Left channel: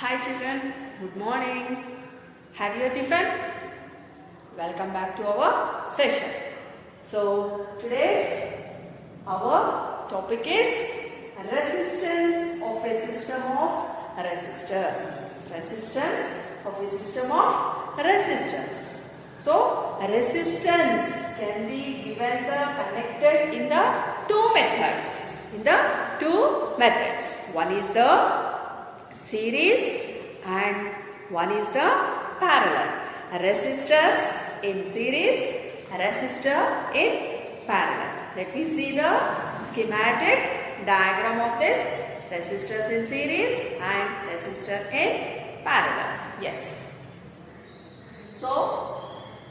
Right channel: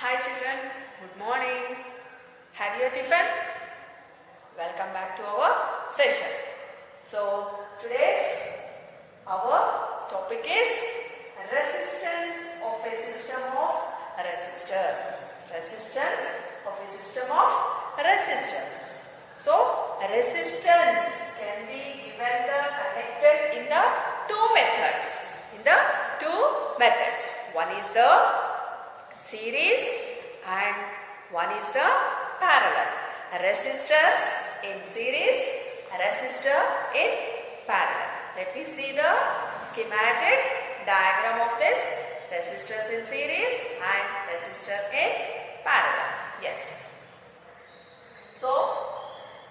Hi children, good morning. Had your tiffin? Welcome back to our session. So today's our topic is resistance of a system of resistors. Resistance of a system of resistors. So resistance can be given connected in the two methods. One is the series and one is the parallel. Resistors in series, resistor in parallel. Let me see the schematic diagram of this. Resistors in series and resistor in parallel. Yes. So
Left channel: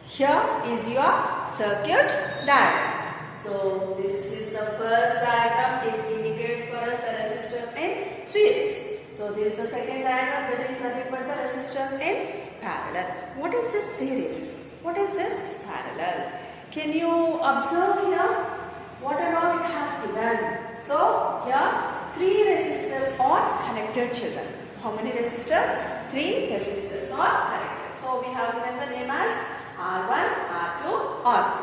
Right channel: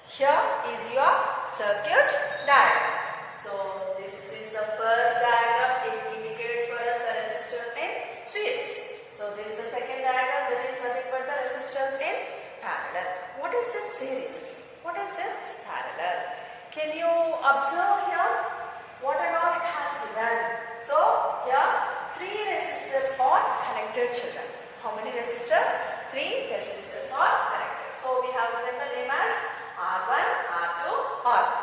here is your circuit diagram. So this is the first diagram. It indicates for us the resistors in series. So this is the second diagram, that is nothing but the resistors in parallel. What is this series? What is this parallel? Can you observe here what and all it has given? So here 3 resistors are connected, children. How many resistors? 3 resistors are connected. So we have given the name as R1, R2, R3.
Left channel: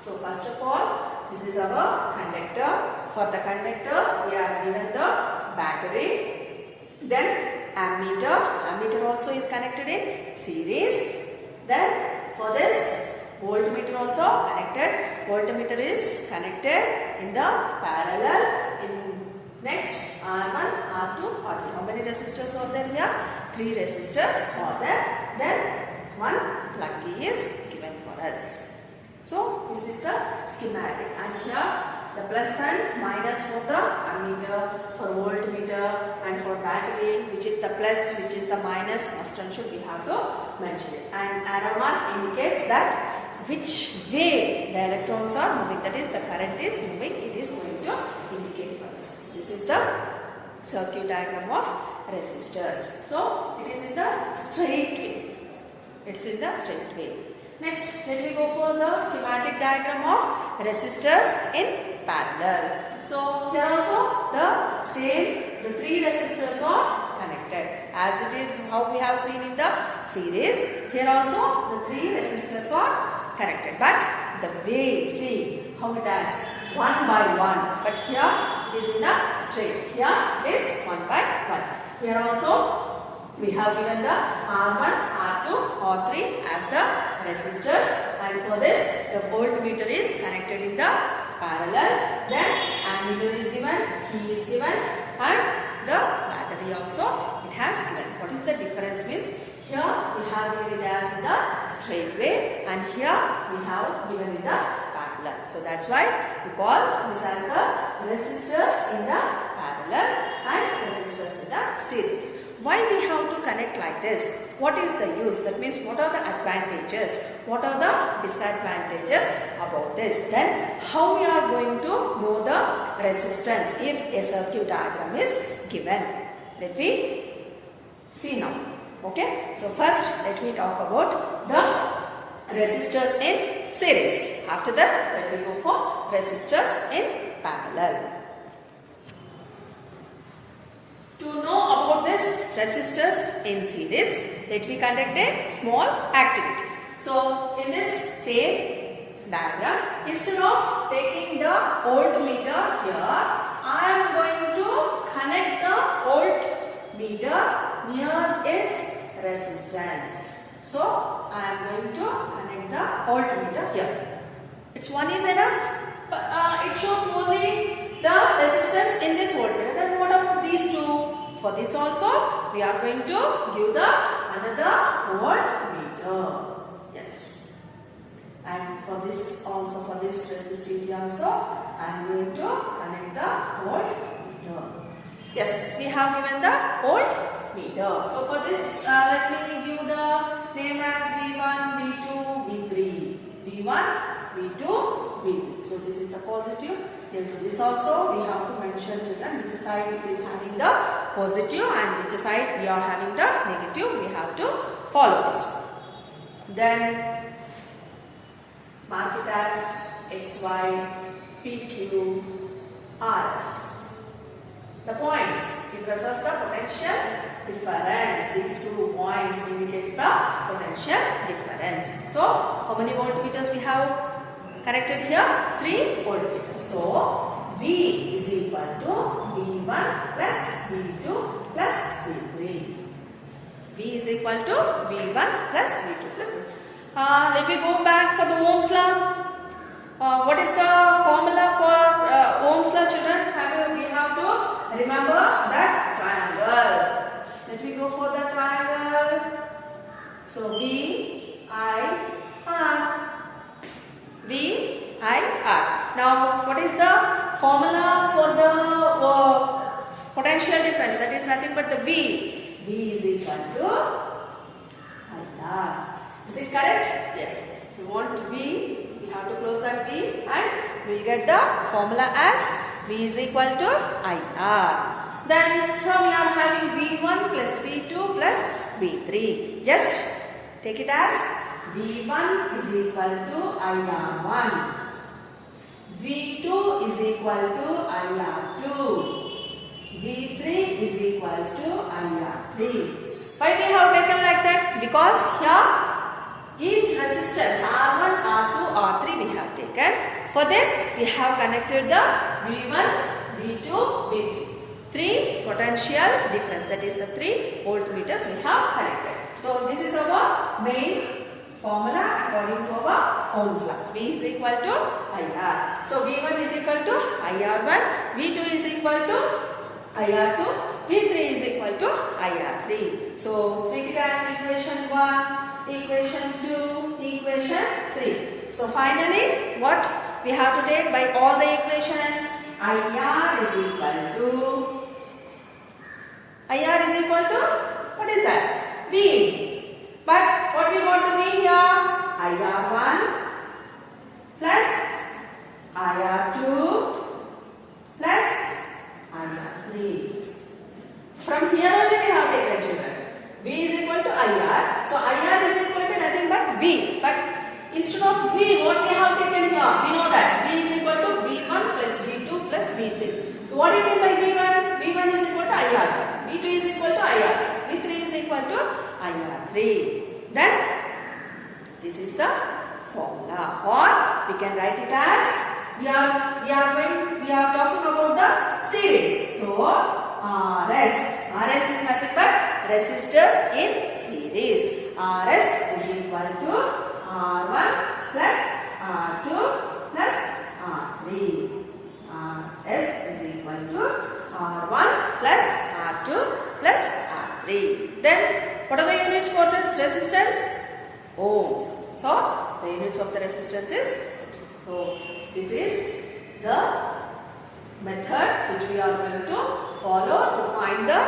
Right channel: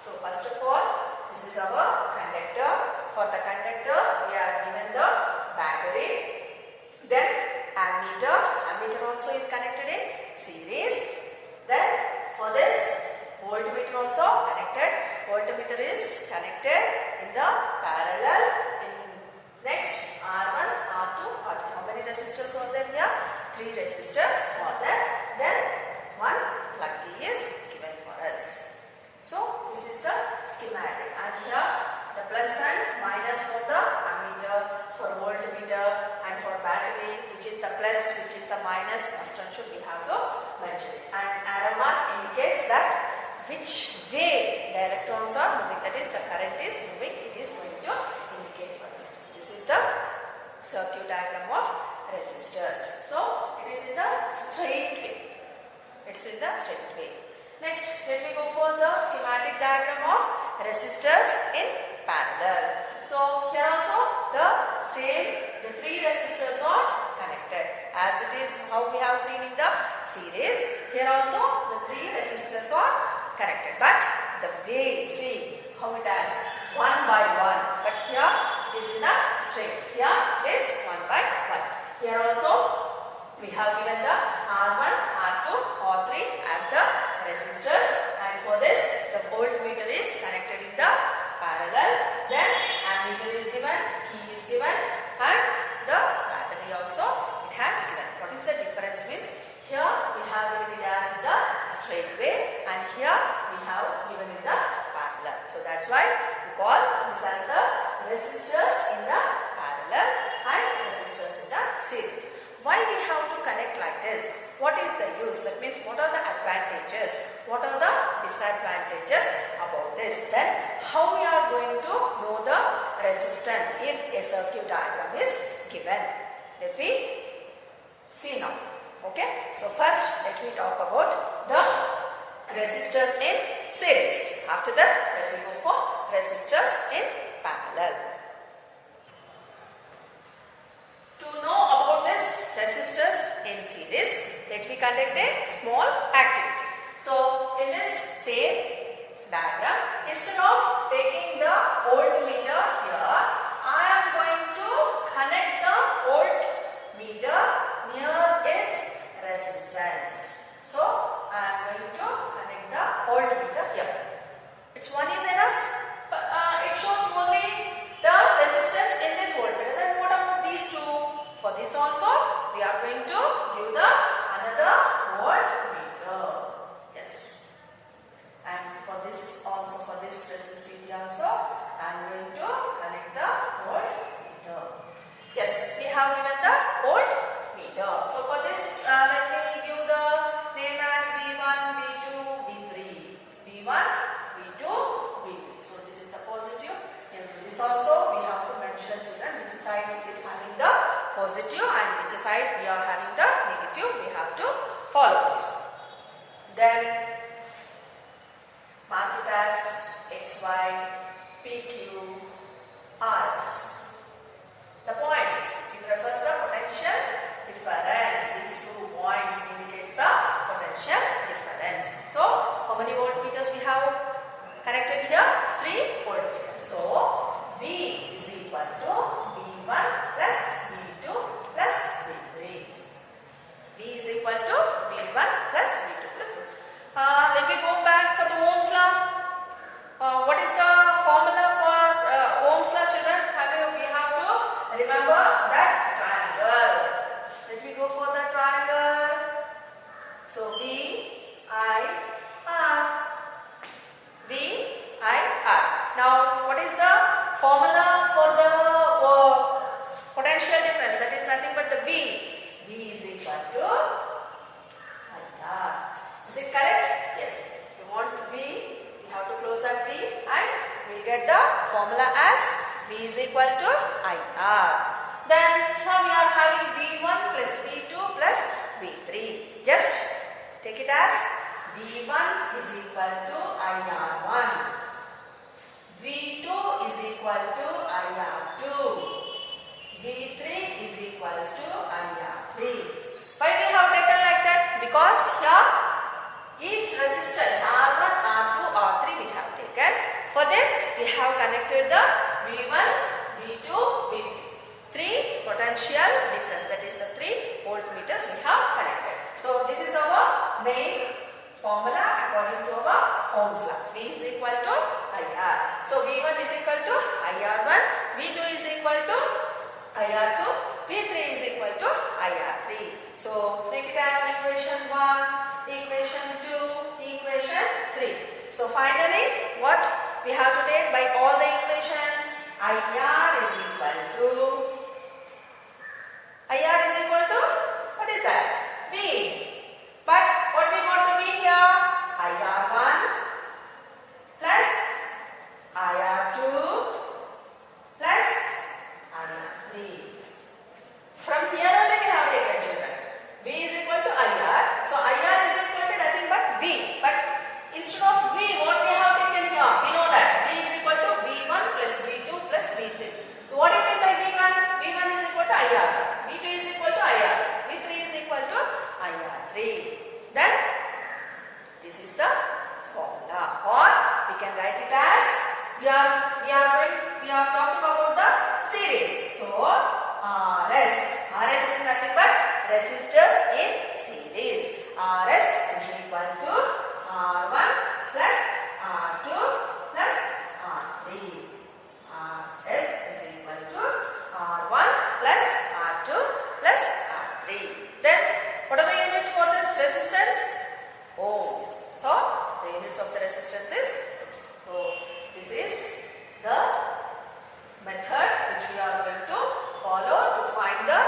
So first of all, this is our conductor. For the conductor, we have given the battery. Then ammeter. Ammeter also is connected in series. Then for this, voltmeter also connected. Voltmeter is connected in the parallel. In next, R1, R2, R3. How many resistors are there here? 3 resistors are there. Then one plug B is given for us. So this is the schematic, and here the plus and minus for the ammeter, for voltmeter, and for battery, which is the plus, which is the minus, must and should we have to mention it. And arrow mark indicates that which way the electrons are moving, that is the current is moving, it is going to indicate for us. This is the circuit diagram of resistors. So it is in the straight way. It's in the straight way. Next, let me go for the schematic diagram of resistors in parallel. So here also the same, the 3 resistors are connected as it is how we have seen in the series. Here also the 3 resistors are connected, but the way, see how it has one by one, but here it is in the straight. Here it is one by one. Here also we have given the R1, R2, R3 as the resistors, and for this the voltmeter is connected in the parallel. Then ammeter is given, key is given, and the battery also it has given. What is the difference means? Here we have given it as in the straight way, and here we have given in the parallel. So that's why we call this as the resistors in the parallel and resistors in the series. Why we have to connect like this? What is the use? That means what are the advantages? What are the disadvantages about this? Then how we are going to know the resistance if a circuit diagram is given? Let me see now. Okay. So first let me talk about the resistors in series. After that let me go for resistors in parallel. To know about this resistors in series, let me conduct a small activity. So in this same diagram, instead of taking the voltmeter here, I am going to connect the voltmeter near its resistance. So I am going to connect the voltmeter here. Which one is enough? It shows only the resistance in this voltmeter. Then what about these two? For this also we are going to give the another voltmeter. Yes. And for this also, for this resistivity also, I am going to connect the voltmeter. Yes, we have given the voltmeter. So for this, let me give the name as V1, V2, V3. V1, V2, V3. So this is the positive. In this also we have to mention, children, which side it is having the positive and which side we are having the negative. We have to follow this one. Then mark it as XY, PQ, RS. The points, it refers the potential difference. These 2 points indicates the potential difference. So, how many voltmeters we have connected here? 3 voltmeters. So, V is equal to V1 plus V2 plus V3. V is equal to V1 plus V2 plus V3. Let me go back for the Ohm's law. What is the formula for Ohm's law, children? We have to remember that triangle. Let me go for the triangle. So V, I, R. V, I, R. Now, what is the formula for the potential difference? That is nothing but the V. V is equal to IR. Is it correct? Yes. If you want V, we have to close that V and we will get the formula as V is equal to IR. Then here we are having V1 plus V2 plus V3. Just take it as V1 is equal to IR1. V2 is equal to IR2. V3 is equals to IR3. Why we have taken like that? Because here each resistance R1, R2, R3 we have taken. For this we have connected the V1, V2, V3. 3 potential difference, that is the 3 voltmeters we have connected. So this is our main formula according to our Ohm's law. V is equal to IR. So V1 is equal to IR1, V2 is equal to IR2, V3 is equal to IR3. So make it as equation 1, equation 2, equation 3. So finally what we have to take by all the equations? IR is equal to what is that? V. But what we want to V here? IR1 plus IR2 plus IR3. From here only we have taken, children. V is equal to IR. So IR is equal to nothing but V. But instead of V, what we have taken here? We know that V is equal to V1 plus V2 plus V3. So what do you mean by V1? V1 is equal to IR1. V2 is equal to IR. V3 is equal to IR3. Then this is the formula, or we can write it as we are talking about the series. So RS is nothing but resistors in series. RS is equal to R1 plus R2 plus R3. RS is equal to R1 plus R2 plus R3. Then what are the units for this resistance? Ohms. So the units of the resistance is ohms. So this is the method which we are going to follow to find the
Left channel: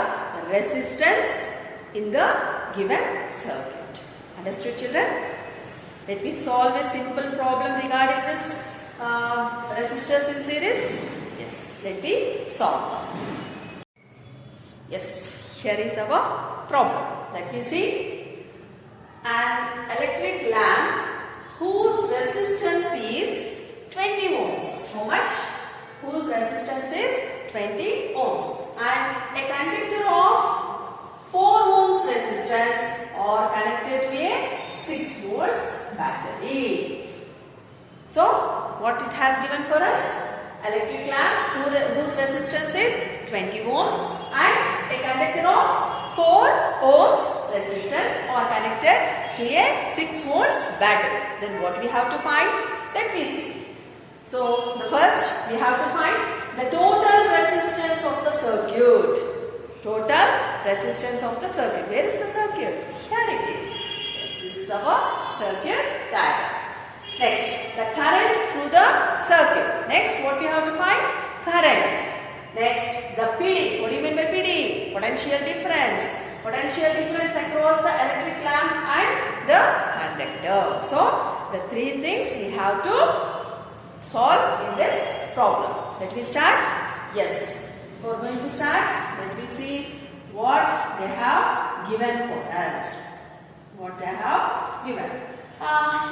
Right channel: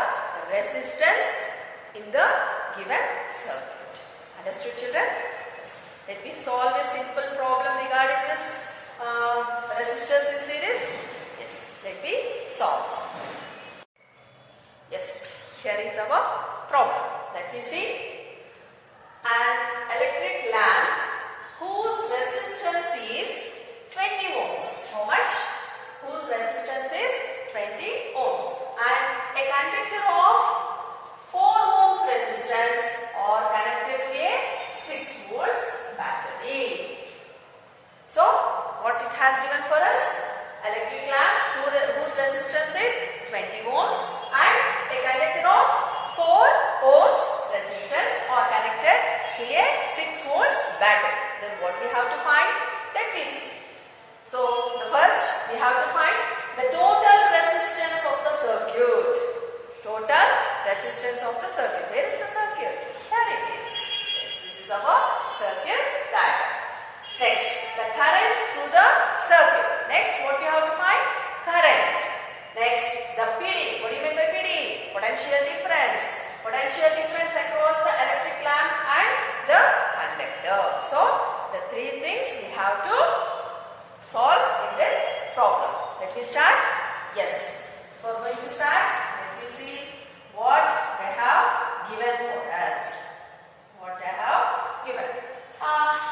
resistance in the given circuit. Understood, children? Yes. Let me solve a simple problem regarding this resistors in series. Yes, let me solve. Yes, here is our problem. Let me see. An electric lamp whose resistance is 20 ohms. How much? Whose resistance is 20 ohms. And a conductor of 4 ohms resistance are connected to a 6 volts battery. So, what it has given for us? Electric lamp whose resistance is 20 ohms and a conductor of 4 ohms resistance are connected to a 6 volts battery. Then what we have to find? Let me see. So, the first we have to find the total resistance of the circuit. Total resistance of the circuit. Where is the circuit? Here it is. Yes, this is our circuit diagram. Next, the current through the circuit. Next, what we have to find? Current. Next, the PD. What do you mean by PD? Potential difference. Potential difference across the electric lamp and the conductor. So, the 3 things we have to solve in this problem. Let me start. Yes. Before going to start, let me see what they have given for us. What they have given.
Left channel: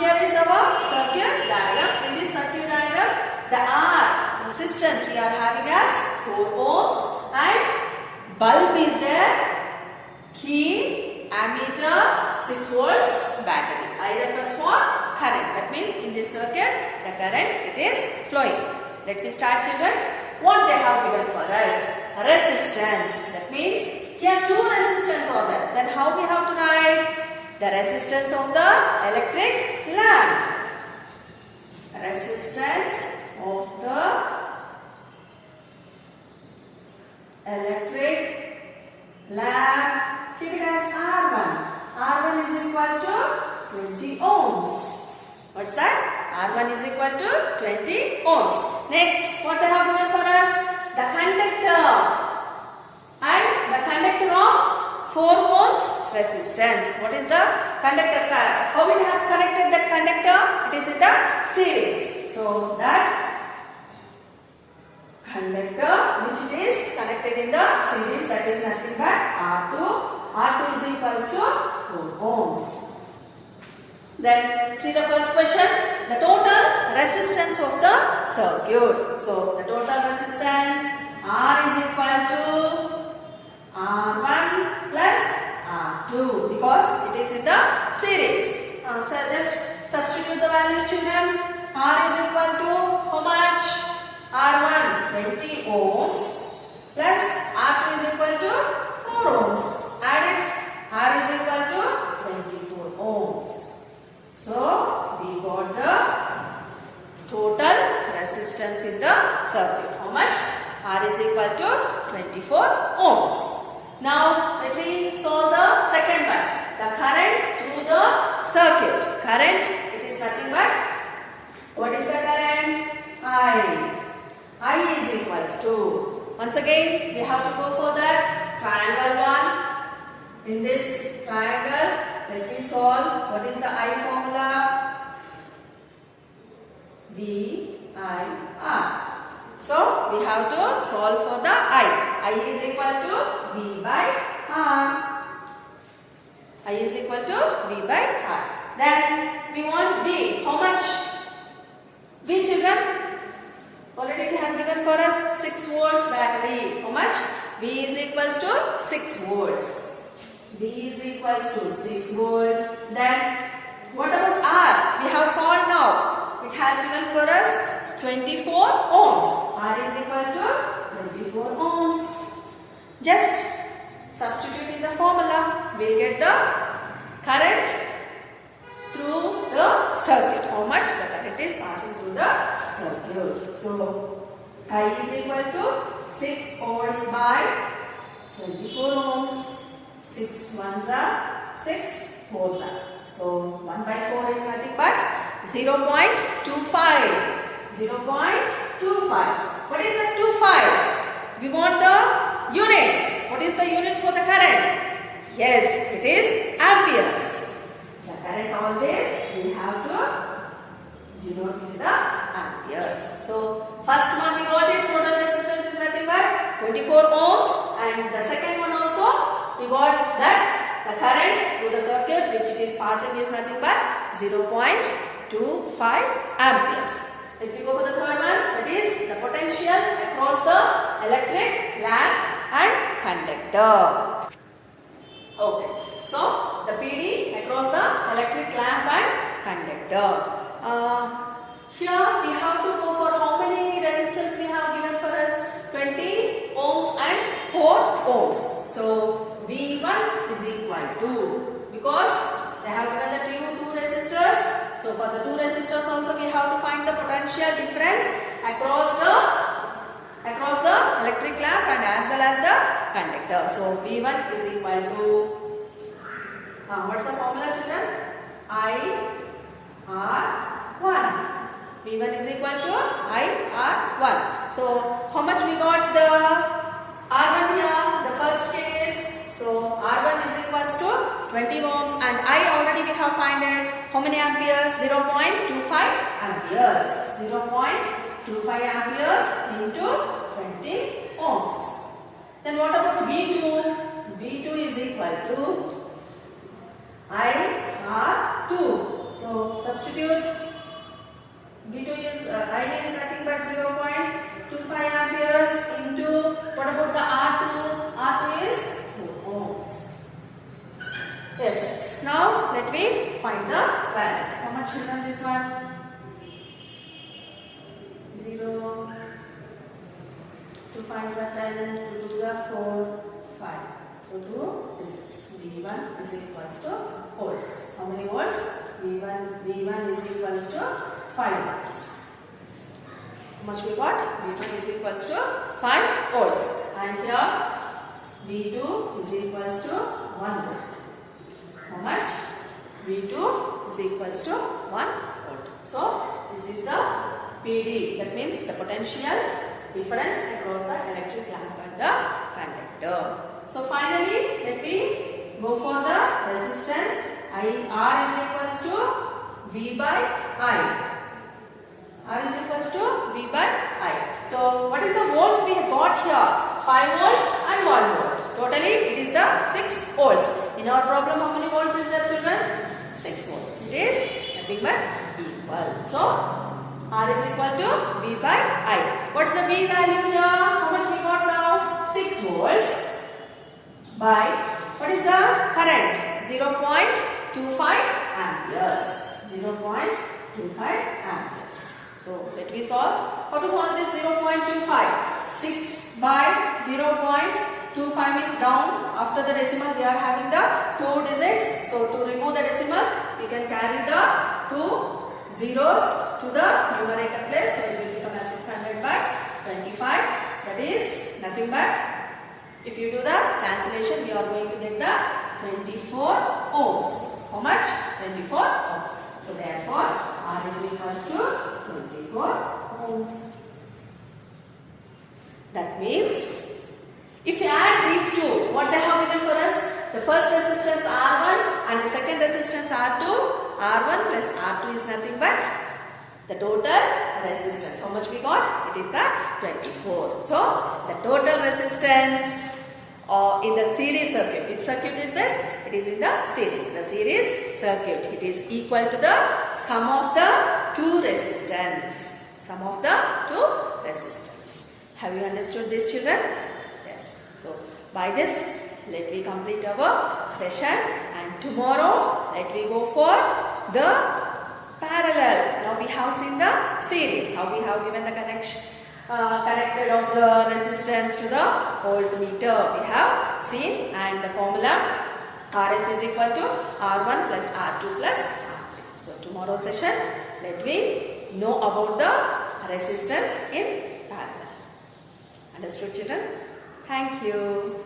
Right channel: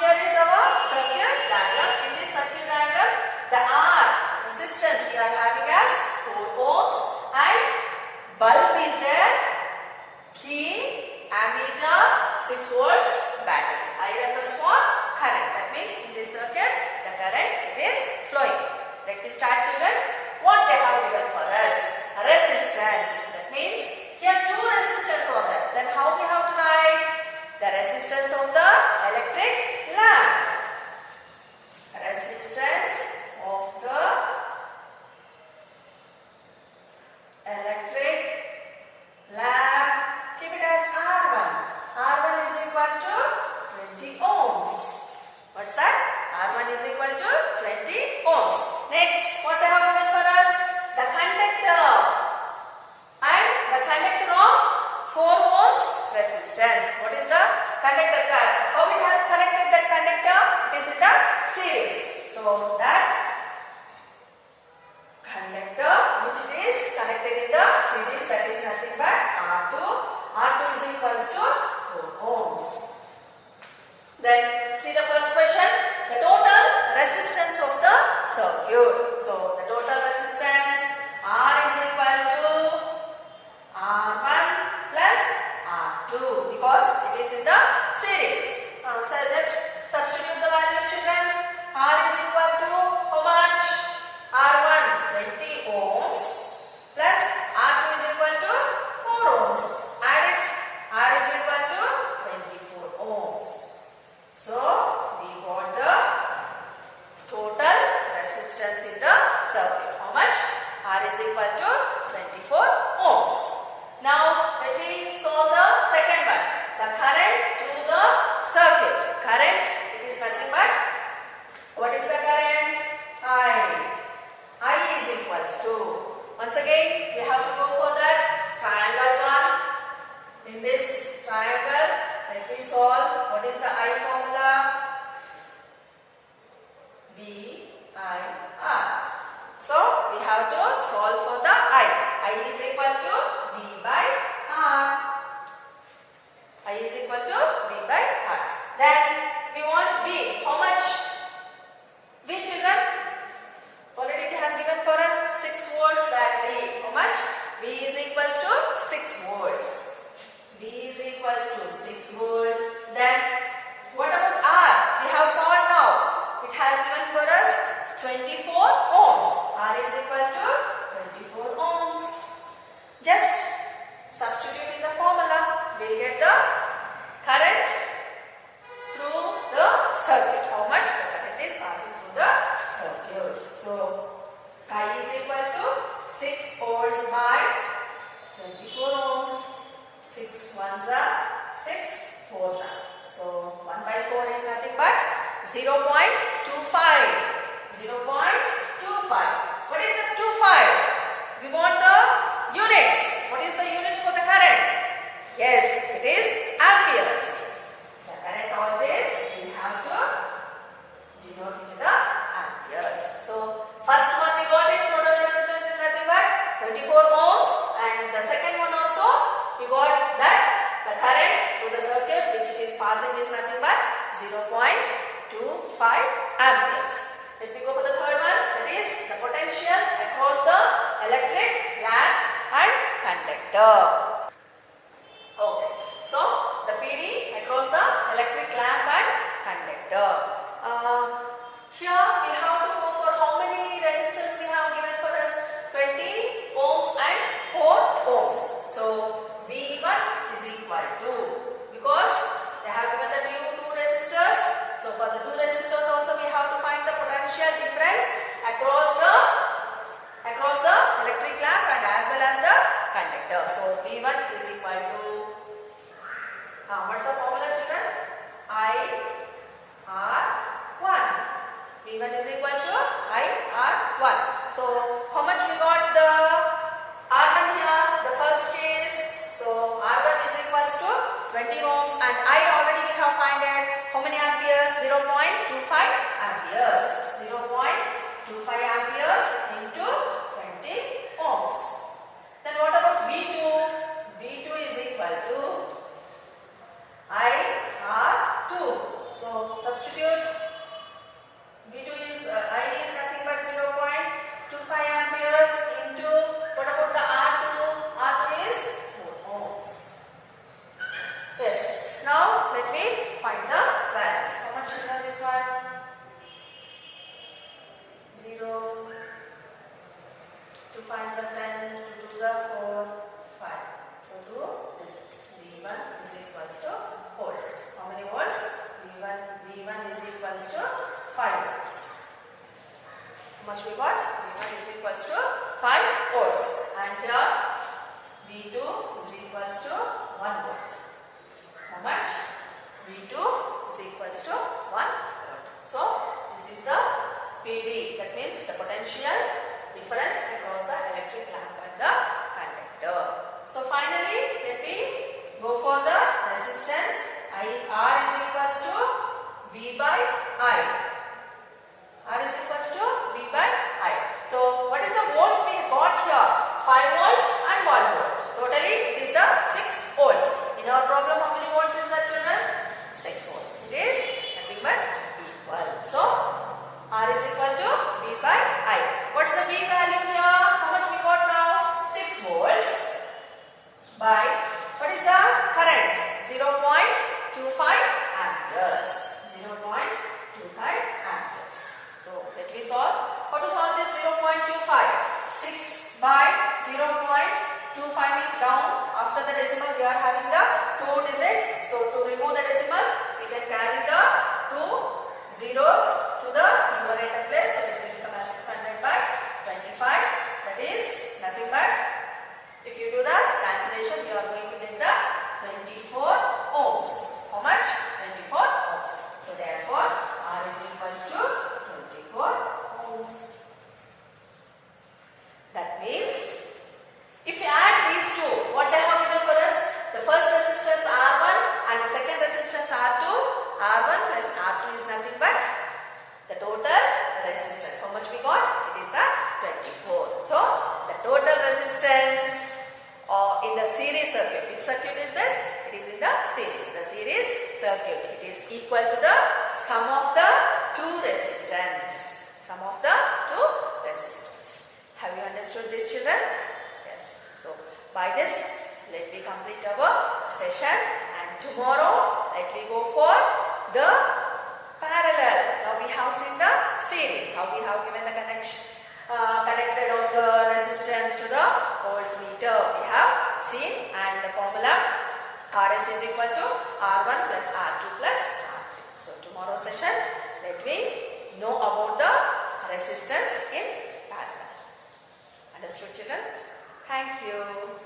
Here is our circuit diagram. In this circuit diagram, the R resistance we are having as 4 ohms and bulb is there Key, ammeter, 6 volts battery. I refers for current. That means in this circuit the current it is flowing. Let me start children. What they have given for us? Resistance. That means here two resistance are there. Then how we have to write? The resistance of the electric lamp. Resistance of the electric lamp. Keep it as R1. R1 is equal to 20 ohms. What's that? R1 is equal to 20 ohms. Next, what they have given for us? The conductor. And the conductor of 4 ohms resistance. What is the conductor? How it has connected that conductor? It is in the series. So that conductor which it is connected in the series, that is nothing but R2. R2 is equals to 4 ohms. Then see the first question, the total resistance of the circuit. So the total resistance R is equal to R1 plus R2 because it is in the series. So just substitute the values, children. R is equal to how much? R1 20 ohms plus R2 is equal to 4 ohms. Add it. R is equal to 24 ohms. So we got the total resistance in the circuit. How much? R is equal to 24 ohms. Now let me solve the second one. The current through the circuit. Current, it is nothing but, what is the current? I. I is equals to, once again we have to go for that triangle one. In this triangle, let me solve. What is the I formula? V, I, R. So we have to solve for the I. I is equal to V by R. I is equal to V by R. Then we want V. How much? V, children? Already it has given for us 6 volts battery. How much? V is equals to 6 volts. V is equals to 6 volts. Then what about R? We have solved now. It has given for us 24 ohms. R is equal to 24 ohms. Just substitute in the formula. We get the current through the circuit. How much the current is passing through the circuit. So I is equal to 6 volts by 24 ohms. 6 ones are 6 fours are. So 1 by 4 is nothing but 0.25. 0.25. What is the 25? We want the units. What is the units for the current? Yes, it is amperes. The current always we have to denote with the amperes. So first one we got it, total resistance is nothing but 24 ohms, and the second one also we got that the current through the circuit which it is passing is nothing but 0.25 amperes. Let me go for the third one, that is the potential across the electric lamp and conductor. Okay, so the PD across the electric lamp and conductor. Here we have to go for how many resistors we have given for us? 20 ohms and 4 ohms. So V1 is equal to, because they have given the two resistors. So for the two resistors also we have to find the potential difference across the electric lamp and as well as the conductor. So V1 is equal to, what's the formula, children? IR1. V1 is equal to IR1. So how much we got the R1 here, the first case. So R1 is equals to 20 ohms and I already we have found how many amperes? 0.25 amperes. 0.25 amperes into 20 ohms. Then what about V2? V2 is equal to IR2. So substitute. V2 is, I is nothing but 0.25 amperes into, what about the R2? R2 is 4 ohms. Yes. Now let me find the values. How much children this one? 0, 2 5s are 10, 2 2s are 4, 5. So 2 digits. V1 is equals to volts. How many volts? V1 is equals to 5 volts. How much we got? V1 is equals to 5 volts. And here V2 is equals to 1 volt. How much? V2 is equals to 1 volt. So this is the PD. That means the potential difference across the electric lamp and the conductor. So finally, let me go for the resistance. R is equals to V by I. R is equals to V by I. So what is the volts we have got here? 5 volts and 1 volt. Totally it is the 6 volts. In our problem, how many volts is that, children? 6 volts. It is nothing but V1. So R is equal to V by I. What's the V value here? How much we got now? 6 volts by, what is the current? 0.25 amperes. 0.25 amperes. So let me solve. How to solve this 0.25? 6 by 0.25 means down. After the decimal we are having the 2 digits. So to remove the decimal, we can carry the 2 zeros to the numerator place. So it will become as 600 by 25. That is nothing but, if you do the cancellation, you are going to get the 24 ohms. How much? 24 ohms. So therefore, R is equals to 24 ohms. That means, if you add these two, what they have given for us? The first resistance R1 and the second resistance R2. R1 plus R2 is nothing but the total resistance. How much we got? It is the 24. So, the total resistance in the series circuit. Which circuit is this? It is in the series. The series circuit. It is equal to the sum of the two resistance. Sum of the two resistance. Have you understood this, children? Yes. So, by this, let me complete our session, and tomorrow let me go for the parallel. Now we have seen the series, how we have given the connection, connected of the resistance to the voltmeter. We have seen, and the formula RS is equal to R1 plus R2 plus R3. So tomorrow session, let me know about the resistance in parallel. Understood, children? Thank you.